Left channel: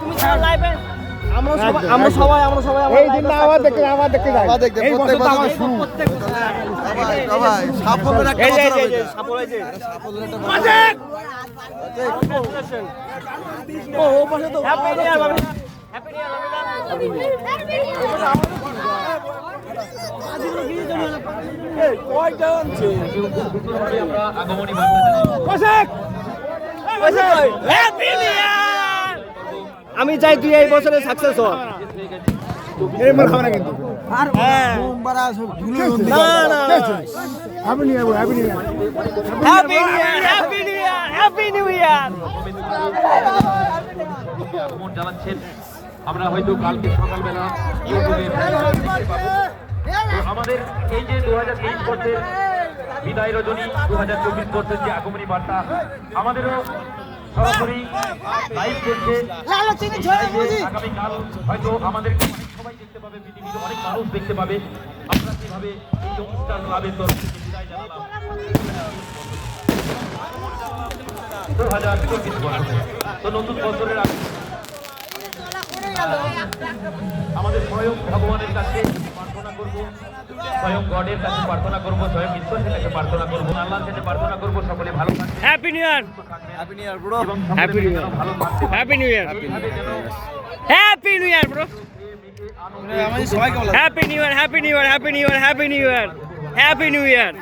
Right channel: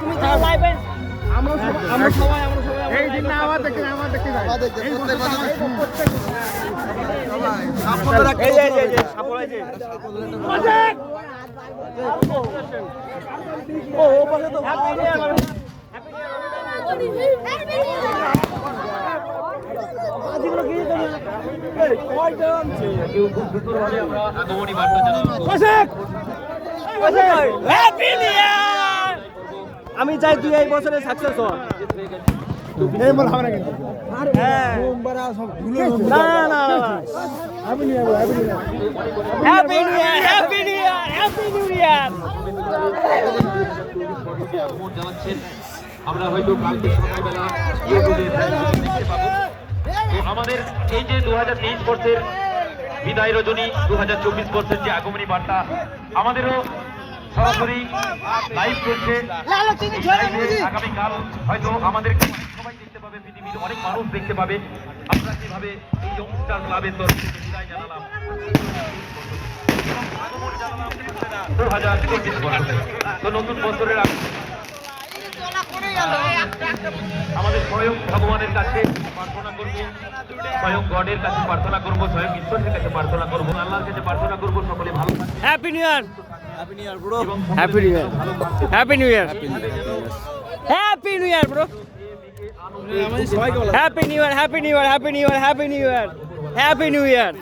তুমি তো লাইভে আমরা সবাই এই দিন না আবার দেখতে যাই এই বছর তো আমার প্রত্যেক এই যে সাপোর্ট আছে কংগ্রাচুলেশন হ্যাপি নিউ ইয়ার বাবা হ্যাপি নিউ ইয়ার বাবা আমি চাই তুই এই বছরে সাকসেস হ এই মনে হবে না কিন্তু আমি নিয়ে যাবো হ্যাপি নিউ ইয়ার জানাচ্ছেন আমরা হয়তো কালকে সকালবেলা আমাদের এই যে 2023 বর্ষের বিদায় রজনী 2024 বর্ষের যে আগমনী বার্তা আমাদেরও সরাসরি লাইভ চলছে আগামীকাল হয়তো আমাদের সবাই দেখতে পাবে, পৃথিবীর অনেক মানুষ দেখতে পাবে আমরা যেভাবে এই অনুষ্ঠান ক্লাবের তরফ থেকে বিদায় জানালাম 2024 বছরে। তো নতুন বছরের আমাদের স্বয়ং ভগবানের কাছে প্রার্থনা করব, স্বয়ং গডের কাছে প্রার্থনা করব, স্বয়ং ঈশ্বরের কাছে প্রার্থনা করব, আল্লাহর কাছে প্রার্থনা করব সকলে ভালো থাকবে। Happy new year happy new year bro, happy new year ভালো থাকবে। Happy new year happy new year bro happy new year happy new year happy new year happy new year happy new year